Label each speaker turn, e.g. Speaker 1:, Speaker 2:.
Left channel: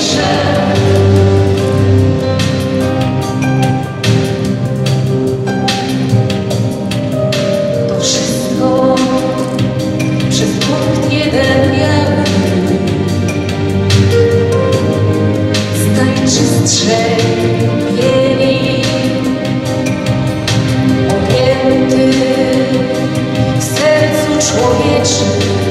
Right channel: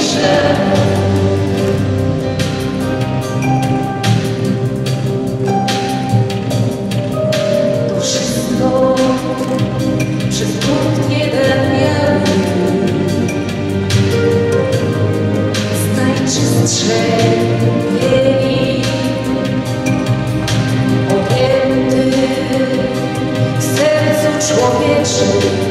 Speaker 1: To wszystko przez punkt jeden miał Z najczystszej bieli Objęty w sercu człowieczym